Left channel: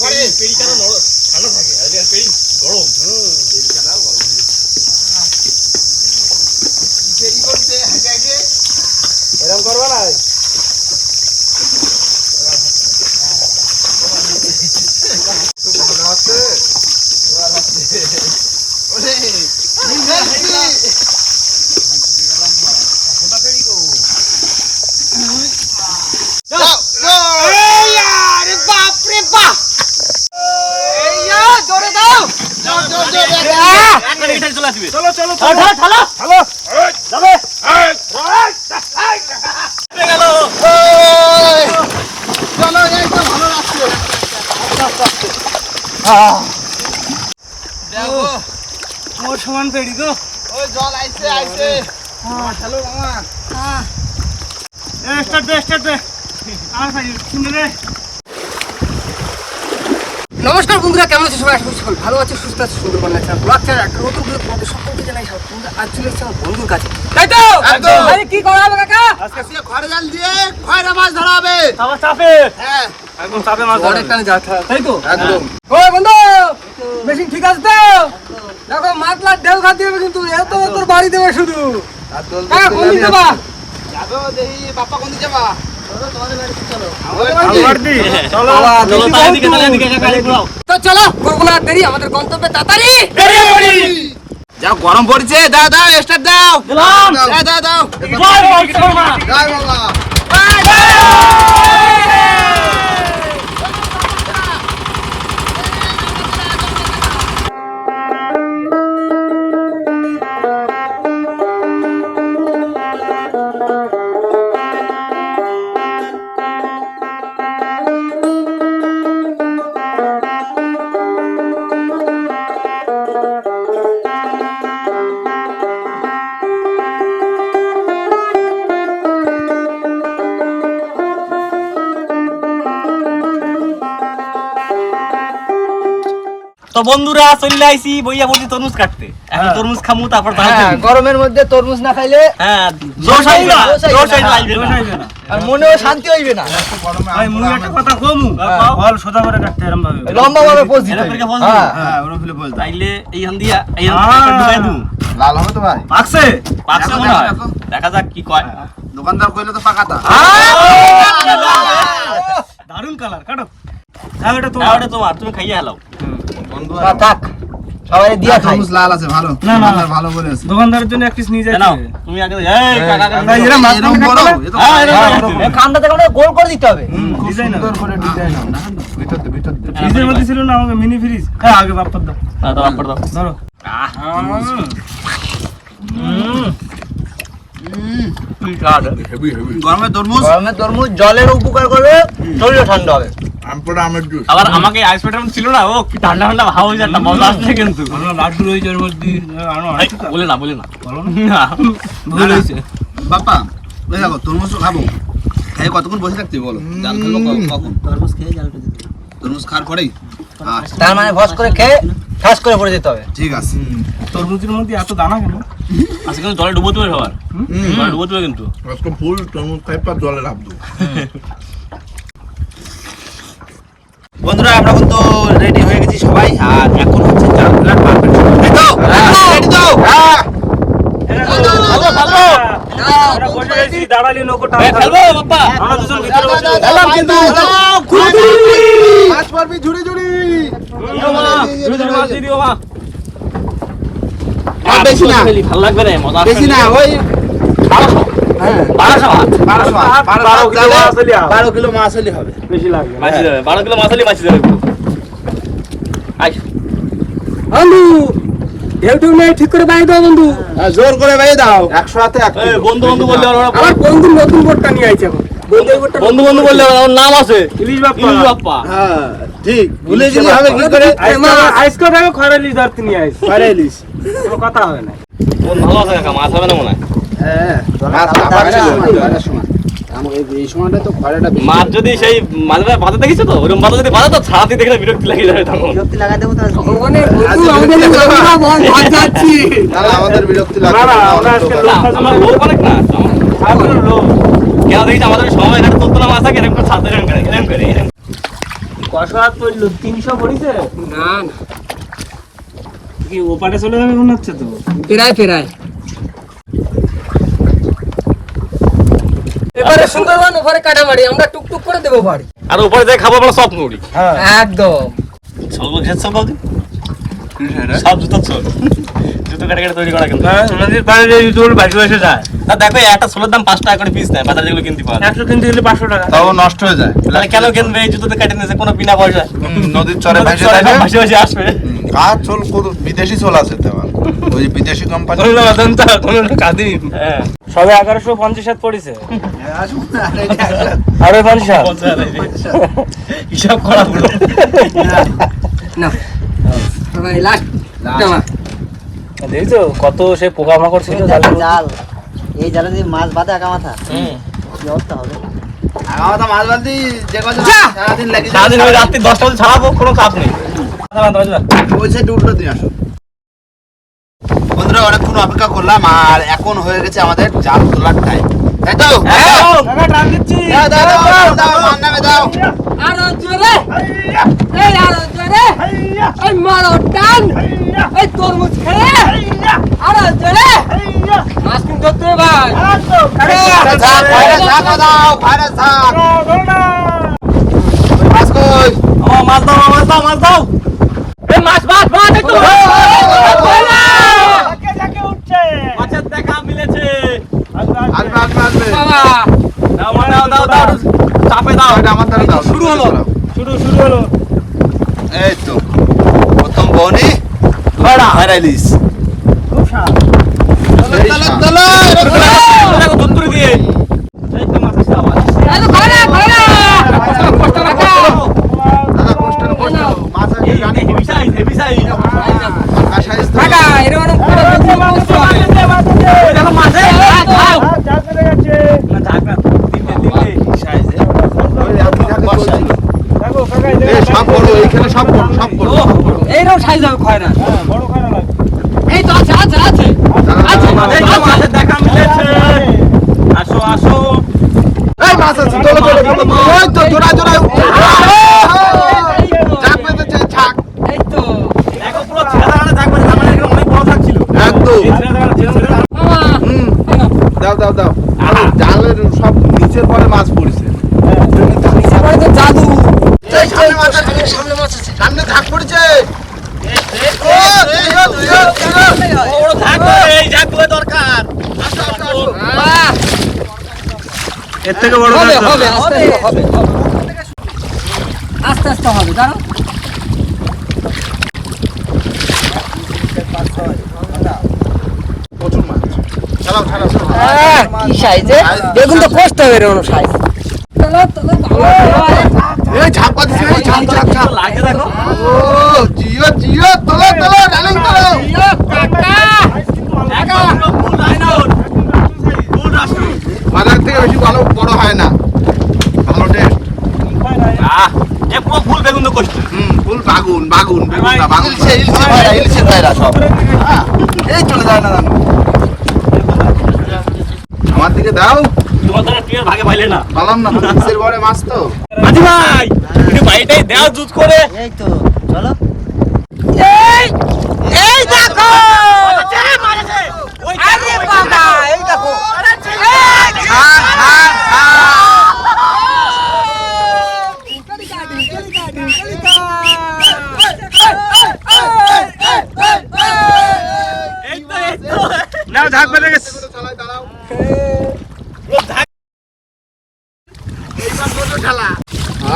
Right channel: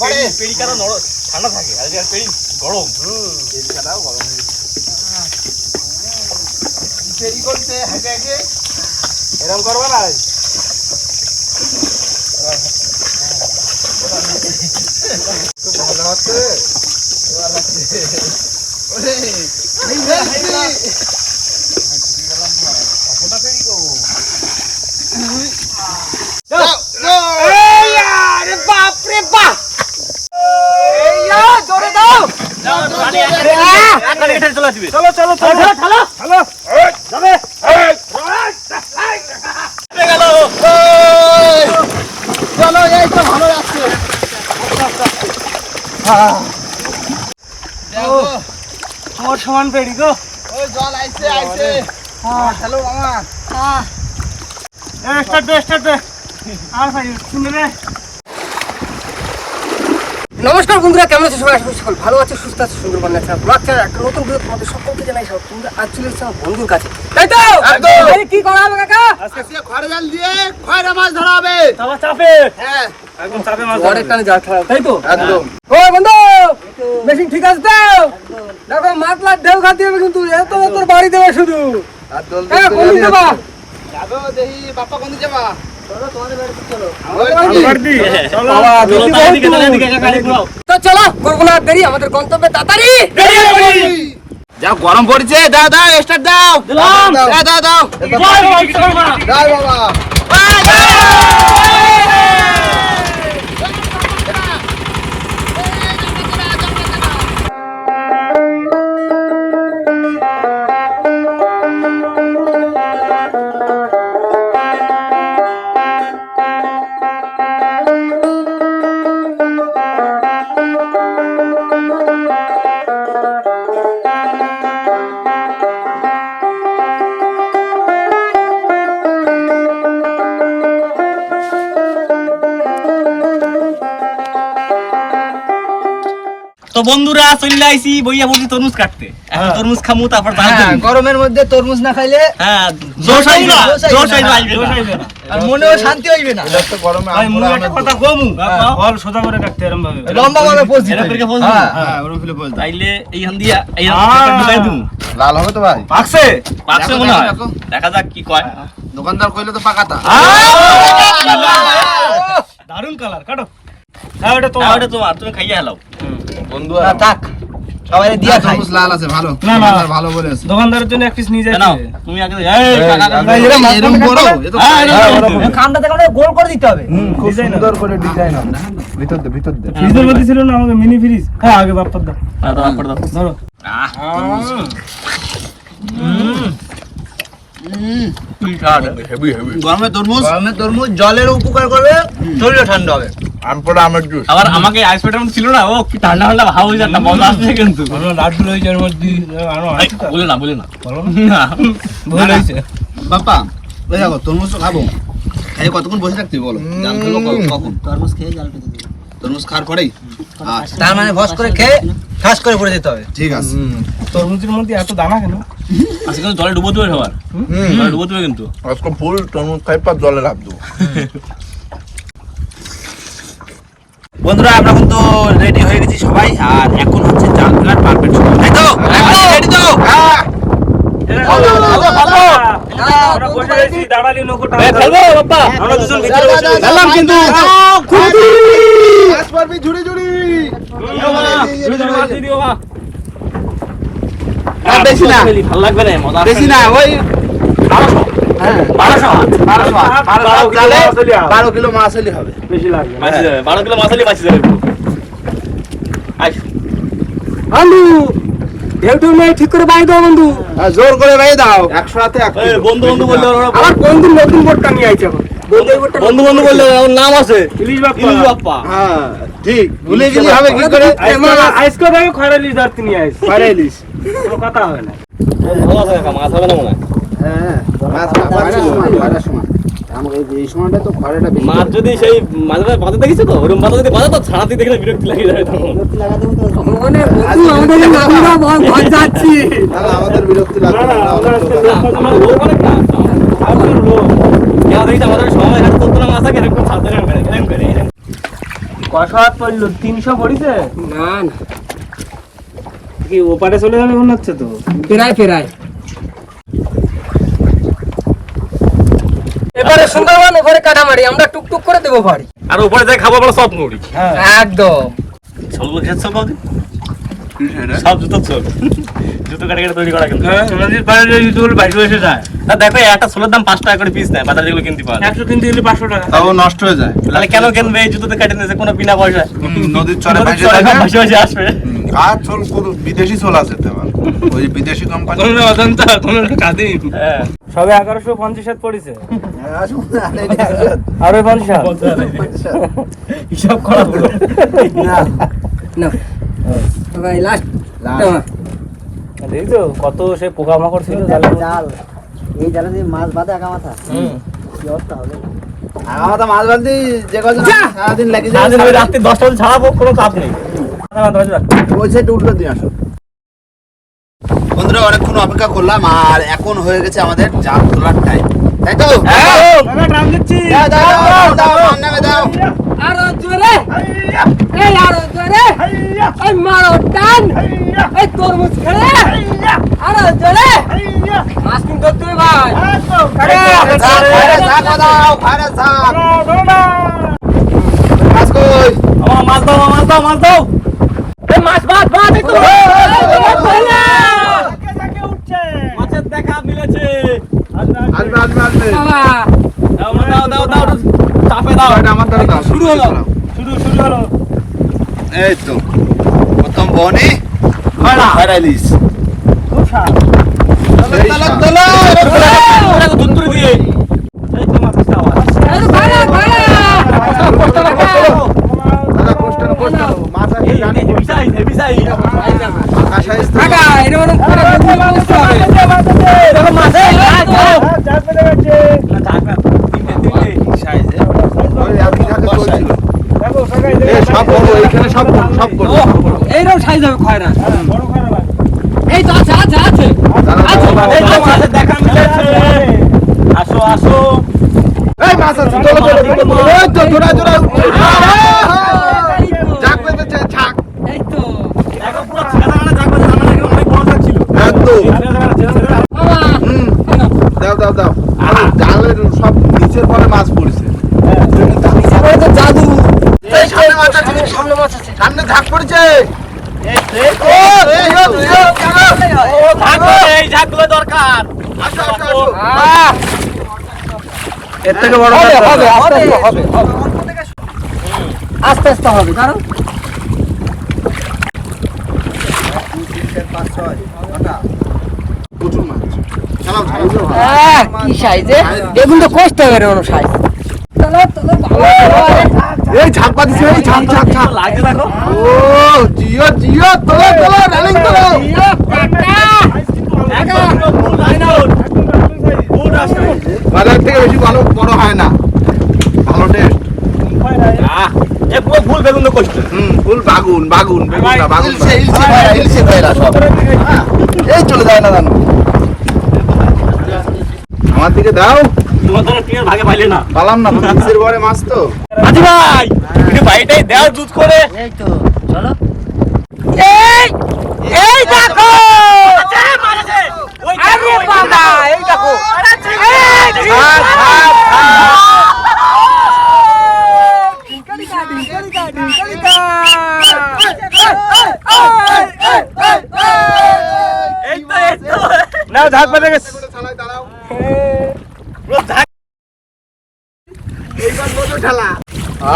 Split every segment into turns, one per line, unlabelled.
পরে।
পেরি কেন নরম ঠান্ডা থাকে আর পেরি গরম।
পেরিকাটাও গরম হয়ে পেরি করতে হেঁটে হেঁটে। এরকম করব না? খুব ভালো হচ্ছে হচ্ছে ওরে যাও
আরে বাপ রে বাপ এইয়া জোরে দাও
চলে আসবে।
চলো চলো চলো। চলো যাবে!
চলো এই। তো ভালো লাগছে।
আমার সমান পেড়ি গো।
ওই জল আইছে আইছে। হ্যালো মামা।
এ স্টার্ট দে স্টার্ট দে। আর ভাই শুনে রে নমস্কার বন্ধুরা কেমন আছে সবাই? করি সকল ভালো আছে সুস্থ আছে সুন্দরবন ন্যাচারাল ব্লগ চ্যানেল একটা নতুন ভিডিও তোমাদের সকলকে জানাই সব তোমরা আজ চলে এসেছ আমার বন্ধুর কাছে। তাই তো?
একদম।
আরে কি করা হবে কাকা?
আজকে খড়ে জাল দিয়ে খয়রা মাছ ধরা হবে।
আমার চাপে।
হ্যাঁ।
একদম চাপে মাছ অনেক টানে যা তাই তো?
একদম।
ওই বন্ধু মেশিন ঠিক আছে তো? দেখো মাছ লাট ঢেউ খাতে হবে কিন্তু। এত তোর বাড়ি দেবে শুধু।
আর দোল
কোন দিকে যাবা?
দেখি বাপ্পা কোন দিকে যাবা?
তো চলো করব না দেরি আমাদের গন্তব্যে তাড়াতাড়ি
যা গরম পড়ছে। দাও দাও এক্সট্রা দাও। দাও। দাও দাও। দাও বাবা।
তো বন্ধুরা চলে আইছি বইয়া বলছি তরমুজ কাটতে। এখন তরমুজ খামু তারপর
হ্যাঁ, গরমের মধ্যে তরমুজ না খাইলে
হ্যাঁ জোশ আইবে না
জোশ আইবে না। আর মনেও শান্তি হইবে না।
তো গরমে
মুরগি একটা কথা কমু। ফল সোজা করে কাটতে এরম ভাবে।
লম্বা ভাবে পোজ দিতে
এরকম করে। পোজ
হ্যাঁ।
হ্যাঁ ওরম ফেলে বল
তাইলে এইখান দিয়া এই
আহ।
ঢুকাই দিবো
লাল হবে তো ভাই।
পাকছে?
পাকছে মনে হয়।
দেখা
যাক কি কয়।
দোকানদার কইলে তো পাকাতা।
দারুণ কালার কাটো। হ্যাঁ ওটা
হ্যাঁ,
তোমার
ওটা তোমার তুমি খাইয়ে হেলাও।
বন্ধু
না, থাক সবাই দিয়া খাই।
তরমুজ লাল আছে ভালো।
না, না।
দোকানদার ভালো বলেছে
দোকানদারের জন্য এক পিস নিয়ে
এ নাও তুমি আগে এই কাকা কাকা
ভাই,
এরকম বড় এ তো
হ্যাঁ,
হ্যাঁ,
গোল করে দিতে হবে।
খুব
ডিজাইন
সুন্দর করে ডিজাইন ভিতর দে ভিতর দে।
ফ্রিজের মধ্যে ছিল না আমাকে মিনি ফ্রিজ হ্যাঁ আগে বাপ্পার
দাও, আপড় দাও।
ধরো।
আহ?
গরমে তরমুজ।
গরমে তরমুজ জলের উপকার করবে শরীর ঠান্ডা হবে।
আম পড়া জুস।
আবার আমাকে আইস পেটার ছিল না ও কি ঠান্ডা ঠান্ডা ভাব হয়ে যাচ্ছে মজা আসছে কিন্তু।
লাড্ডু রয়েছে এর মধ্যে আরও
এই,
আছে তো?
বলে না বলে না। না।
ভুল হয়েছে
বাপ্পা ওই দেখো তরমুজ তো খাব। খাই কতক্ষণ বসে থাকতে বলো? জাল ফেলব কখন?
তরমুজ খেয়ে জাল পেতে
তরমুজ খাওয়ার পরেই? আচ্ছা।
তার মানে ভস করে খেয়ে করে পড়ে দিতে হবে।
ঠিক আছে।
তরমুজের মধ্যে এত দানা কেন?
আজকে কিন্তু জলে ডুবো দেবে সবার জলে ডুবো দেবে কিন্তু
আজকে ফুল তরমুজ খাই পর জলে রাখ দেবো বন্ধুরা আমরা কিন্তু রেডি হয়ে গেছি সবাই আর এখন হচ্ছে জাল ফেলার পারফেক্ট সময় তাই তো রেডি তো
আমরা
বেশি না।
ভালো লাগবে না মজা
বেশি না ওই হ্যাঁ।
বারোশো
বারোশো মাছ
বারো কিলো মাছ হলে হবে।
বারো কিলো মাছ হলে হবে।
বেশি লাগবে।
বারো কিলো মাছ হলে মাছি যাবে।
আলু ঢেউ ঢেউ ঠিক করে দাও বন্ধু।
জোর করে বাইরে দাও। একশো হাতে
বন্ধু বন্ধু বললে
আমার বন্ধু নতুন বোর্ডটা নিয়ে আইছে এখন। বন্ধু
বন্ধু বললে ওর নাম আছে।
ইলিশ বাপ্পা।
ইলিশ বাপ্পা।
হ্যাঁ ঠিক। ভুলে গেলি হবে কি করে?
আজকে দেখো খরা ইলিশ ধরতে নিয়ে
ইলিশ
কোনো কথা হবে না।
ভালো আছে কাকা মাছ হবে না মনে হয়?
হ্যাঁ মাছ আবার ছিল খরার সময়। আমাকে এই সময়টা তো খরাটা
মাছ যদি সেই মাঝে মাঝে বাঁধা দেখিছো তো? ওরকম বাঁধা যদি বাঁধা তো ছাড়াতে দেখলে বিরক্তি লাগে যাবে তখন।
ভগবানের বন্ধু আমাদের আমরা বল ভাত যাচ্ছি
না, না, আমাদের বিরক্তি লাগবে
না, না, আমরা আজকে
না, আমার লোক অনেক না
এখন লোক।
কেন দেখি আমাদের সবাই এখানে তোর মাছ থাকে এরকম ছাড়তে এরকম করে এরকম করে
ছশো হাত পড়ল? তিনশো পড়িছে?
না না।
কি ওপারে চলে যাবে মনে হচ্ছে তো?
পেরায় পেরায় এবারে সুন্দরবন এবারে কাটামারি আমরা টুকটুক করে দেবো ভাড়ি
আর উপরে যে খাব বলে সব মুড়ি।
একদম।
চলবো খেত সব বাবু সব জুতো চল জুতো কাটে কাটে তৈরি করা কিন্তু।
আমাদের পায়ে যে তোর বাইক এসে যায়
না দেখো একটা সোলার দাম পাঁচ টাকা করে পিস নেয় বাজারে যেগুলো কিনতে পাওয়া
একশো কিনতে গেলে পাঁচশো টাকা।
তাও নষ্ট হয়ে যায়।
তাহলে কেন কিনবে? এই জুতোতে কাটে নিয়েছে কোনো বিনা পয়সা
নদীর চরে ভাসে
আসবে।
চোল বিদেশি চোল আছে ওই বিদেশি কোম্পানি
হ্যাঁ।
সবে এগারোশো পঞ্চাশ হাত পড়েছে। সাড়ে পঞ্চাশ
হিসাব করা
না লাস্ট
দেখছ কত সে পোকামাকড় ছিল? জালে
জাল। এই জালে যদি মাছ বাঁধে আগা মাথা কি অবস্থা হবে?
আমাদের মাছ বালতি যে কজন সারাদিন লেগে
সারাদিন ওই রাত্রি দশটা ছাড়াবো কোনো চাপ নেই।
ওই সাইডে উল্টো দিয়ে আসো। বন্ধুরা অনেকক্ষণ অপেক্ষা করলাম আর এখন হয়ে গেছে আমাদের জাল তোলার টাইম তাই তো?
মাছ
দাও, মাছ
দাও মাছ দাও। মাছ
মাছ মাছ একটু
মাছের দেখা মিলেছে
আসবে, আসবে, আসবে।
দাও দাও দাও দাও চাপে দাও
এটা আমার দ্বারা দাও,
শুরু হলো।
শুরু শুরু হলো
এই তো প্রথম বনি
সাপ
এই
ধুত্তুরি দিয়ে এই তো মাছ দাও
এই ভাড়া ভাড়া কষ্ট করে
দাদা, কোষ্ঠের, কোষ্ঠের। মাছ আছে, জানি।
হেভি সাইজ হেভি সাইজ
আকাশ আইস তো।
টাকা এরকম করে যদি করতে হবে দেখো মাছ এই খাও খাও
ওই আপনি যাকে বলছিল। এই সব এইখানে
এইরকম সাইজ হবে খয়রা এই তো আছে
দেখা মিলেছে আসো আসো
এই মাছ আছে। ওই তো, জোড়ায়, জোড়ায় উঠছে। ঝাঁক বেঁধেছে, ঝাঁক।
এই তো
দেখো পুরো ছেড়া দাঁড়ানো থাকবে সামনে এখানে অনেক বড় থাকছিল
একদম।
বাবা
হুম, দাও, দাও, দাও। জালের সব নিচের পরে মাছ পড়েছে।
জাদু। সামনে সামনে মাছ আছে।
সামনে ঝাঁক পড়েছে।
এর থেকে বড়
হবে
কাজ
হবে আস্তে আস্তে হবে। আস্তে আস্তে হবে
প্রচুর মাছ চালাও, চালাও, চালাও।
আহ, কি সাইজে বেগুন তো কষ্ট হবে এরকম সাইজ চলো চলো
এই ঝাঁক পাতিছে এই ঝাঁক ঝাঁক ঝাঁক
লাগে দেখো
ও জিও জিও তোলো তোলো রেলিং তোলো বাজার থেকে বেশি ভালো বড় হয় না ভালো টেস্ট
ফুল বেগুন তো কষ্ট
হুম ফুল বাগুন বাগুন বেগুন না বাগুন হ্যাঁ, এই চলে যায় না জানো আমার দিকে দাও।
তোমার ভাগে পাইলে না।
পালাম না নিচের ঘরে মাছ তো?
আজি ভাই একটু বাড়িটাই দেওয়া জুত করে।
এই তো চলো।
এই দেখো।
আরে বাবা এই দেখো।
থাক থাক থাক।
নাও ঝাঁক বেঁধে গেছে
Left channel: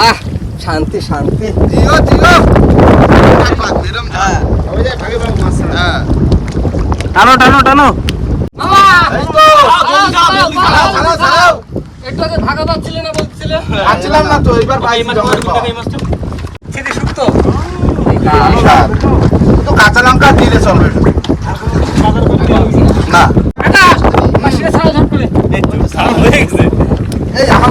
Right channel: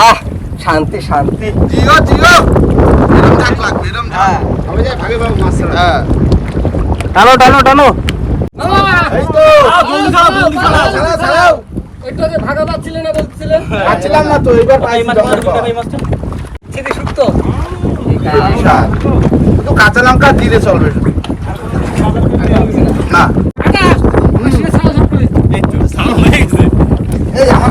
আহ শান্তি শান্তি।
জিও জিও। হ্যাঁ
টানো টানো টানো।
একটু আগে ভাগা পাচ্ছিলে না বলছিলে?
পাচ্ছিলাম না তো এবার
খেতে শুকতো
তো কাঁচা লঙ্কা দিলে চলবে। না। এই আমার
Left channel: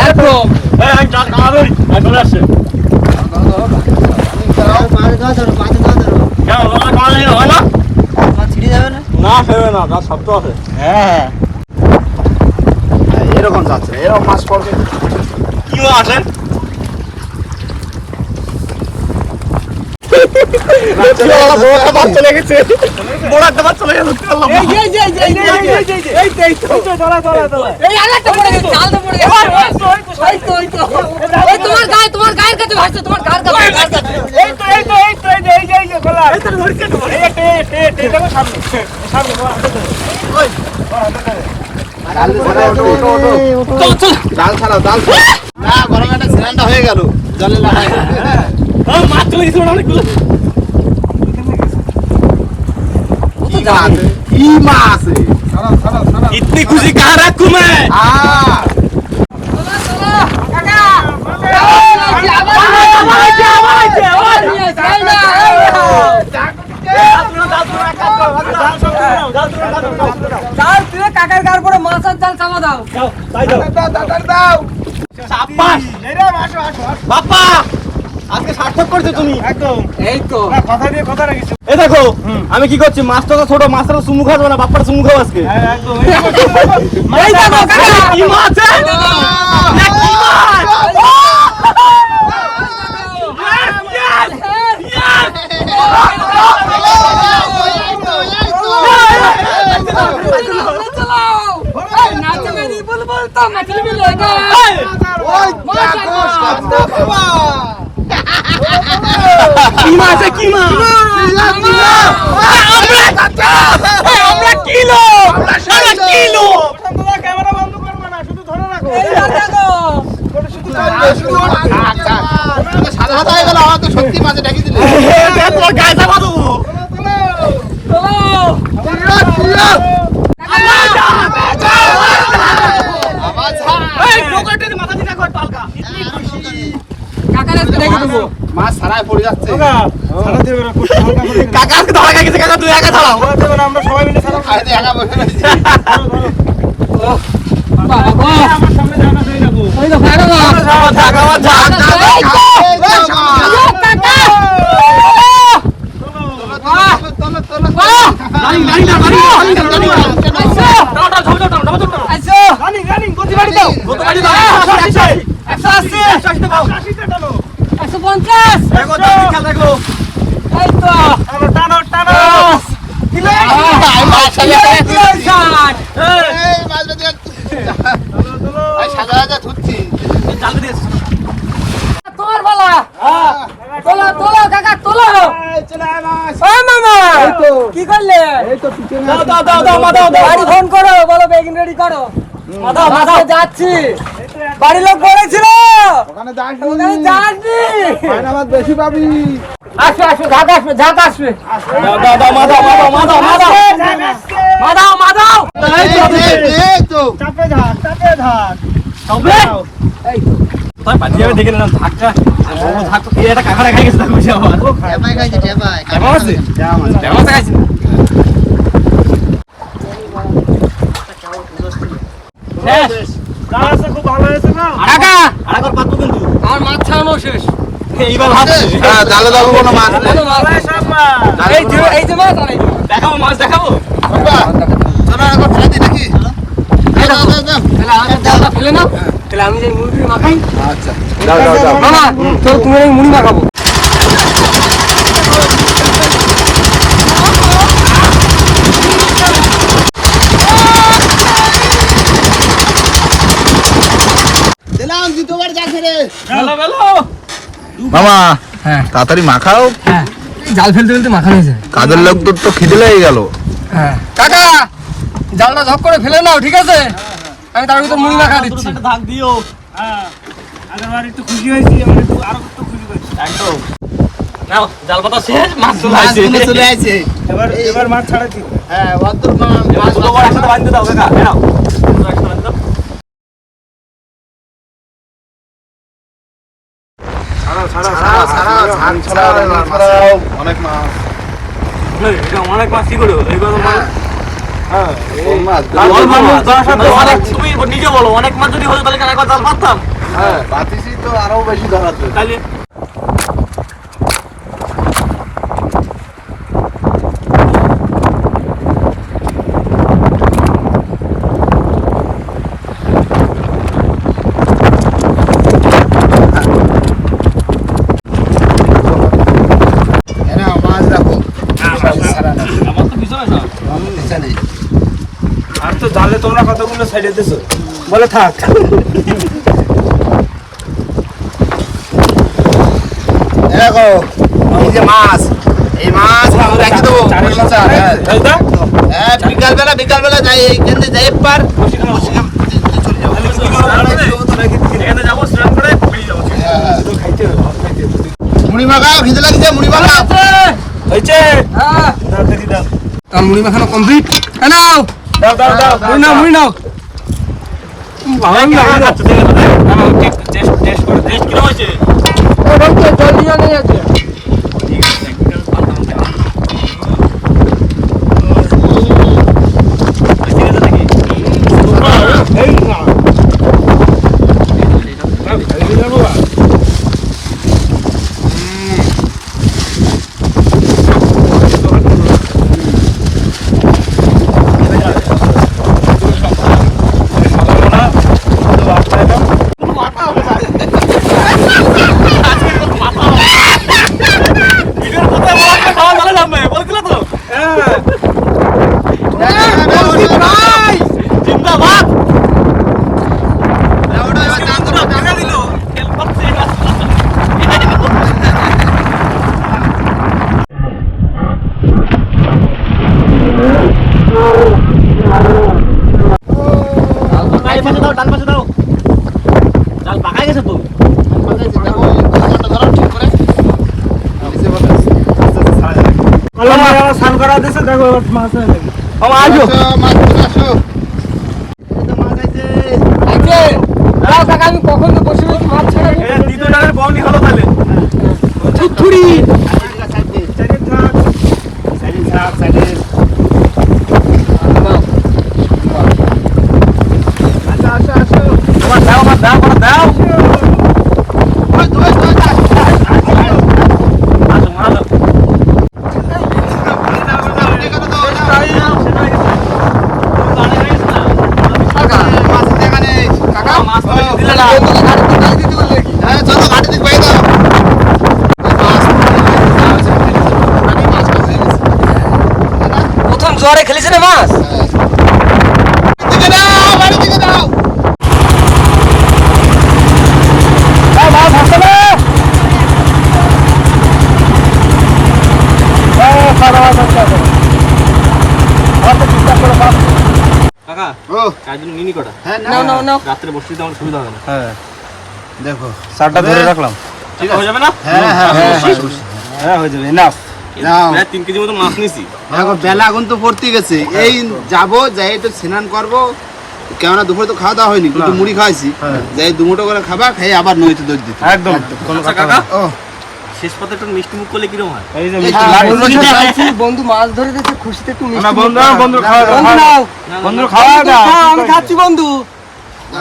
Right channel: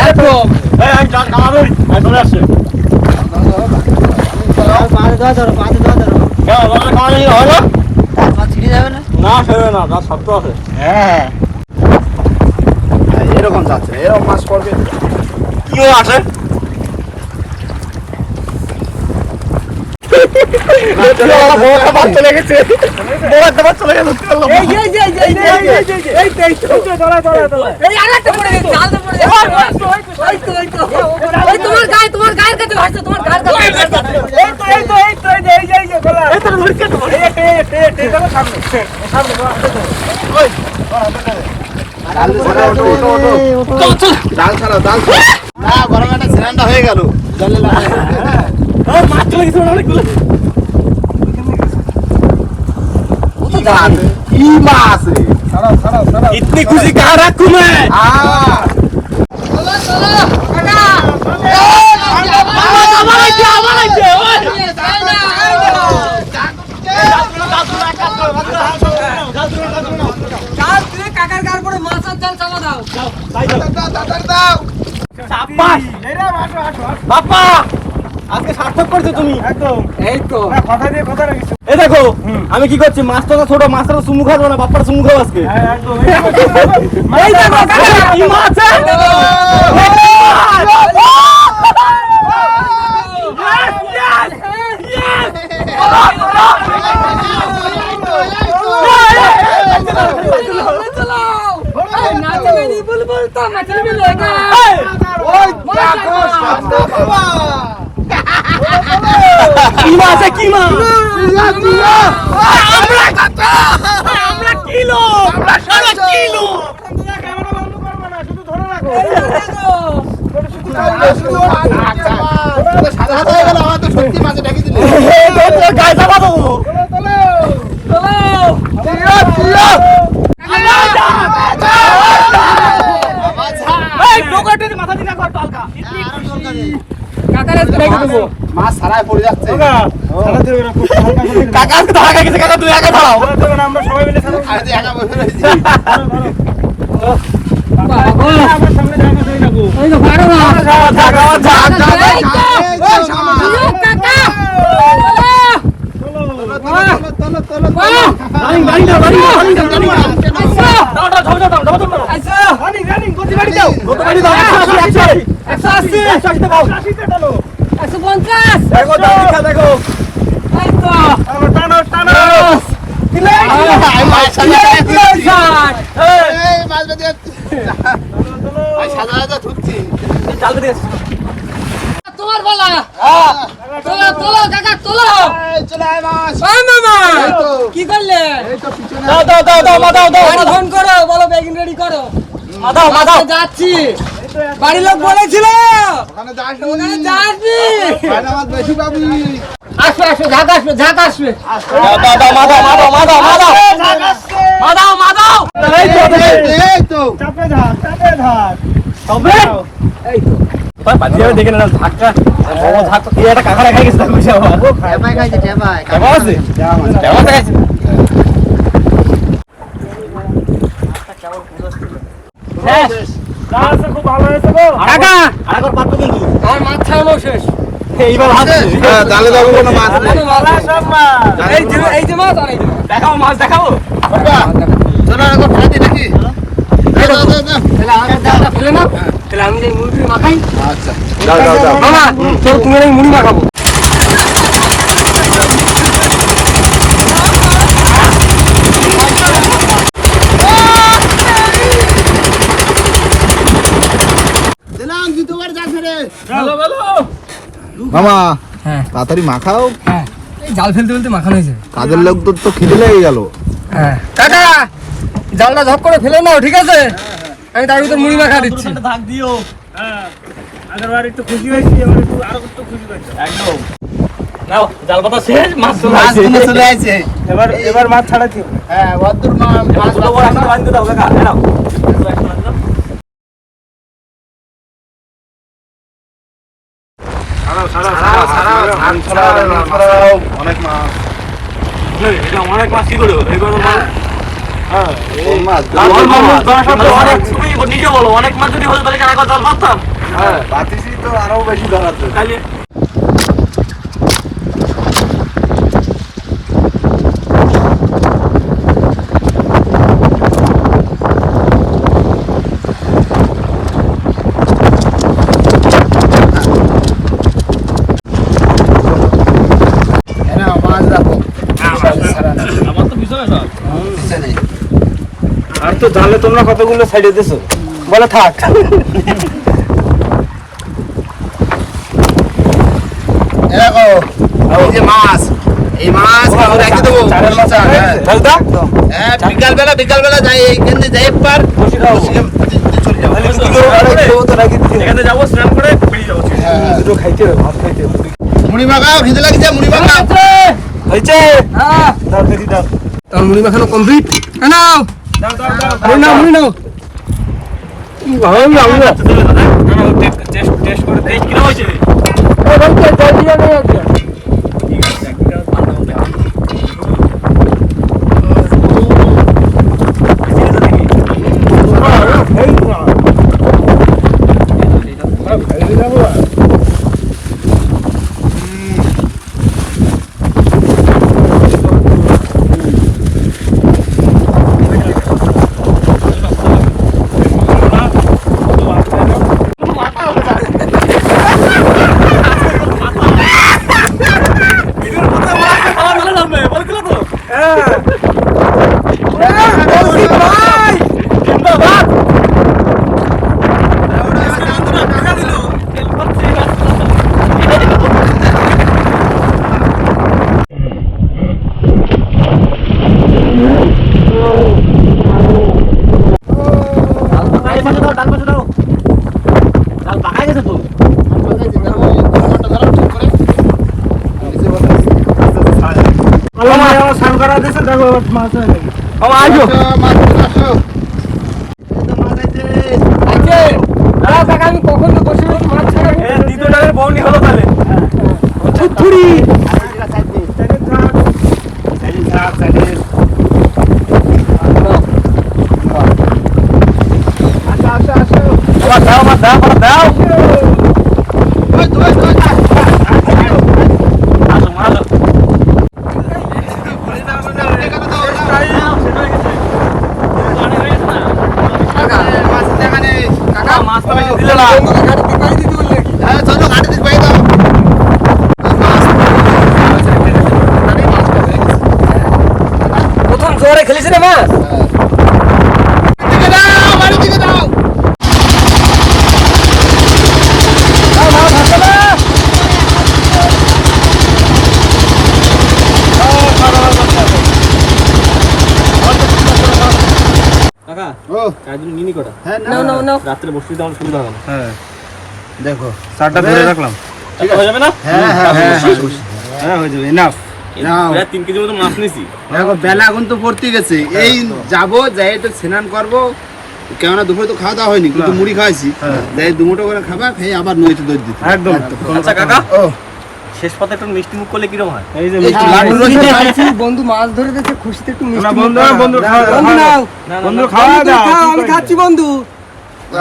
এরকম যাচ্ছে এরকম মাছ করবে।
কি আছে?
ডাল ছাড়াও ডাল ছাড়াও না গরম একটা সিলিন্ডার হয়ে গেল জলে লাগাই
ইতনি খুশি কাহ
রাখু
মে বাপা আজকে সার্থক করছ তুমি?
একদম।
এই তো।
কথা দিয়ে কথা রাখিস
এ দেখো আমি কি করছি? মাছটা তো ছোট মাছটা তো খাব না বাপ্পার চুমু খাব আজকে।
হ্যাঁ একদম।
এই দেখো
কি মাছ? মাছ এ? কি মাছ
ক্যামেরা বন্ধ করবে না শুধু ধরে রাখো।
শুধু ওর আচ্ছা সত্যি মাছে ছাড়াই পড়ে যাচ্ছে।
কাকা আজকে ধরা গেছে কাকা তুই একা
না আমরা সবাই মিলে
একা বসে রয়েছি
আমার সামনে জানা যাই না গো
রানিং রানিং দাও রানিং দাও রানিং দাও রানিং দাও দাও দাও দাও দাও দাও দাও
রানিং রানিং গতি বাড়ি দাও
কত গাড়ি দাও 180 180 180 দাও
কাশিতে টানো
দেখো দেখো
তোমার বলা তোলো তোলো কাকা তোলো
এই চলে আয় মাছ
ও মামা কি করলে
এই তো পিছনে।
দাও দাও দাও দাও মা দাও দাও
গাড়ি ফোন করো বলো বেগিন রেডি করো যাচ্ছি বাড়ির লোক বলেছিল।
ওখানে
যাসনি
বেশি পাবি।
আসবে আসবে ঝাঁক আসবে ঝাঁক আসবে।
দাও দাও দাও মা দাও মা দাও মা দাও মা দাও মা দাও মা দাও এই তো
এই তো
চাপে ধার চাপে ধার
তবে তাই বাজিয়ে দেখে না ধাক্কা বড় ধাক্কা এই একটা কাকা গেছে
খাইছে
কেমন আছে কেমন আছে শেষ
খুব ভালো হয়েছে গো
কাকা
আরেকবার পাতবো কিন্তু
আমার মাছ ছাড়ানো শেষ।
হ্যাঁ জালে কোনো মাছ নেই।
এই যে এই যে মাছ আর এই যে মাছ
দেখাবো? মাছ
চলো ফেলে দিই নাকি?
তাহলে আমি এই মাথায় মাখাই
আচ্ছা
মামা তোর তুমি মুড়ি মাখাবো
দিলাম দ্বিতীয়বার যা ছেড়ে
ভালো ভালো
মামা হ্যাঁ। তাড়াতাড়ি মাখাও।
হ্যাঁ জাল ফেলতে ফেলতে মাখানো হয়েছে।
কাদের লোক তোর তো খিদে লেগে গেল।
হ্যাঁ। কাকা জালটা ঝপ করে ফেলে নাও ঠিক আছে? আমি তার ভিতর মুড়ি মাখা দিচ্ছি।
ধাক দিও।
হ্যাঁ আগেরবার একটু খুশি হয়েছি এবার একটু আরও একটু খুশি হয়েছি
একদম। নাও জাল পাতা শেষ মাছ চলে আসছে।
এবার এবার মাছ ছাড়াচ্ছি।
হ্যাঁ বদ্দুর মা- মাছ
বাঁধতে দাও কাকা নাও
অনেক মাছ
এটা অনেক মাছ কি করে হলো? এই কথা
মাছ?
বল, বল, বল, তোমার সাথে অনেক তুমি নিজে বলো অনেক মাছ যদি হতো তাহলে কেন জাল পাততাম
হ্যাঁ, তো আরও বেশি ধরাতো
তাহলে
হ্যাঁ, মাছ রাখো
আমার তো পিছনে সব
আর তো জালে তোমরা কতগুলো সাইডে দিছো বলে থাক।
এ দেখো এই যে মাছ এই মাছ রেখে দেবো।
চারের মাছ।
হ্যাঁ,
দাদা
হ্যাঁ, বিকাল বেলা বিকাল বেলা যাই এই কেন্দ্রে যাই একবার।
বসে খাও
এখানে যাব স্নান করে বেরিয়ে যাব।
দুটো খাইতে হবে ভাত খাইতে হবে।
মুড়ি মাখাও খিদে লাগছে মুড়ি
হয়েছে?
হ্যাঁ।
দাও দেখি দাও।
মুড়ি মাখানো কমপ্লিট নাও।
দাও
নাও মুড়ি নাও
টেস্ট করে টেস্ট কি হয়েছে
জলদি জলদি আছে
এই না খাইতে যাব আর।
এই পাশে দাও ডান পাশে দাও জাল পাকাই গেছে তো
আল্লাহ মা আমার স্নান করা দিয়েছে দেখো এবার মাছ হয়ে যাবে
বাবা আসো মাছ আসো
আমি কখন তো বসে মাছ ছাড়াবো
দ্বিতীয় ডালের বউনি হলো তাহলে।
ছুরি
চাইনিজ থাক চাইনিজ থাক চাইনিজ
আবার দাও আবার দাও আবার দাও আসো আসো মাছ তো বেশি দিলে না
জোরে খেলেছে না মাছ
কাকা
ও।
কাজ নিনি কটা?
হ্যাঁ
নাও নাও নাও
রাত্রে বসতে আমার সুবিধা হবে না।
দেখো।
চারটা ধরে রাখলাম।
হয়ে যাবে না?
হ্যাঁ হ্যাঁ হ্যাঁ
হ্যাঁ। হয়ে যাবে। না
তিন কেজি মতো মাছ নিছি
দেখো বেলা এখন তো পড়তে গেছে এই যাব যাই একটু স্নান করব কেননা দুপুরে তো খাওয়া দাওয়া হয়নি কিন্তু মুড়ি খাওয়াইছি যাই দুমুটো করে খাবা খেয়ে আবার নইতে দই দিতে
একদম
আচ্ছা কাকা শেষ পাতে একটু মিষ্টি মুখ করলে কিরম হয়।
বন্ধু মাছ ধরে দিয়েছে খুশিতে একটু মিষ্টি
বন্ধু বন্ধু খাওয়া
বন্ধু নাও
না না
বন্ধু
না
খাওয়া দাও
আমি খাচ্ছি বন্ধু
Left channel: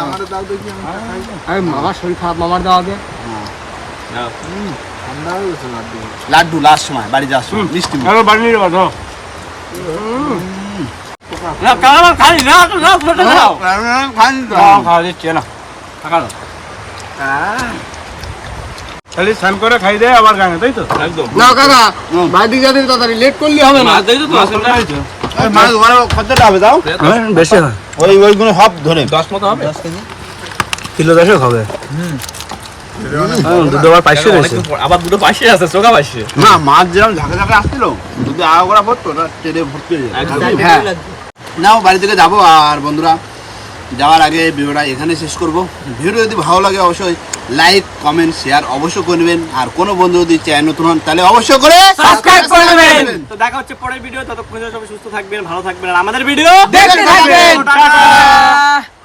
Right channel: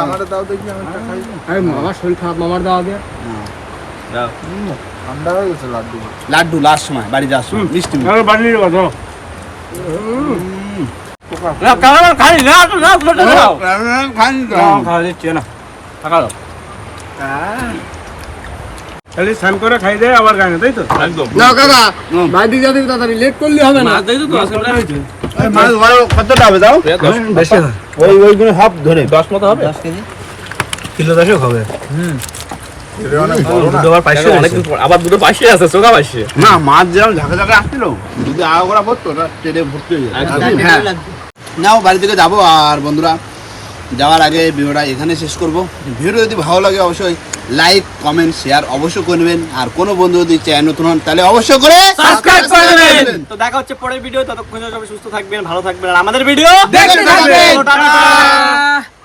আমারও দাও দেখি আমি খাই
আরে মামার শরীর খারাপ মামার দাও
দাও।
ঠান্ডা হয়ে গেছে লাড্ডু লাড্ডু লাস্ট সময় বাড়ি যাওয়ার সময়। মিষ্টি মুখ।
বাড়ি নিয়ে যাব
না কাকা খাই না তো না তো দাও
খাইনি
না, খাওয়া দিচ্ছি না
কাকা দাও।
খালি স্নান করে খাই দেয় আবার গানে তাই তো?
একদম।
নাও কাকা বাড়ি যাবে তাড়াতাড়ি লেট করলে হবে না।
তো
মাছ কতটা হবে দাও।
বেশি
ওই ওইগুলো সব ধরে।
দশ মতো হবে?
কিলো দেখে হবে।
আবার দুটো পাশে আছে চোখা পাশে।
না মাছ যেরকম ঝাঁকে ঝাঁকে আসছিল যদি আগা করা পড়তো ওটা ভর্তি হয়ে হ্যাঁ। নাও বাড়ি থেকে যাব। আর বন্ধুরা যাওয়ার আগে ভিডিওটা এখানে শেষ করব। ভিডিও যদি ভালো লাগে অবশ্যই লাইক কমেন্ট শেয়ার অবশ্যই করে নেবেন। আর কোনো বন্ধু যদি চ্যানেল নতুন হন তাহলে অবশ্যই করে
সাবস্ক্রাইব করে দেবেন তো দেখা হচ্ছে পরের ভিডিও। ততক্ষণ সবাই সুস্থ থাকবেন ভালো থাকবেন আর আমাদের ভিডিও
দেখতে থাকবেন।
টাটা।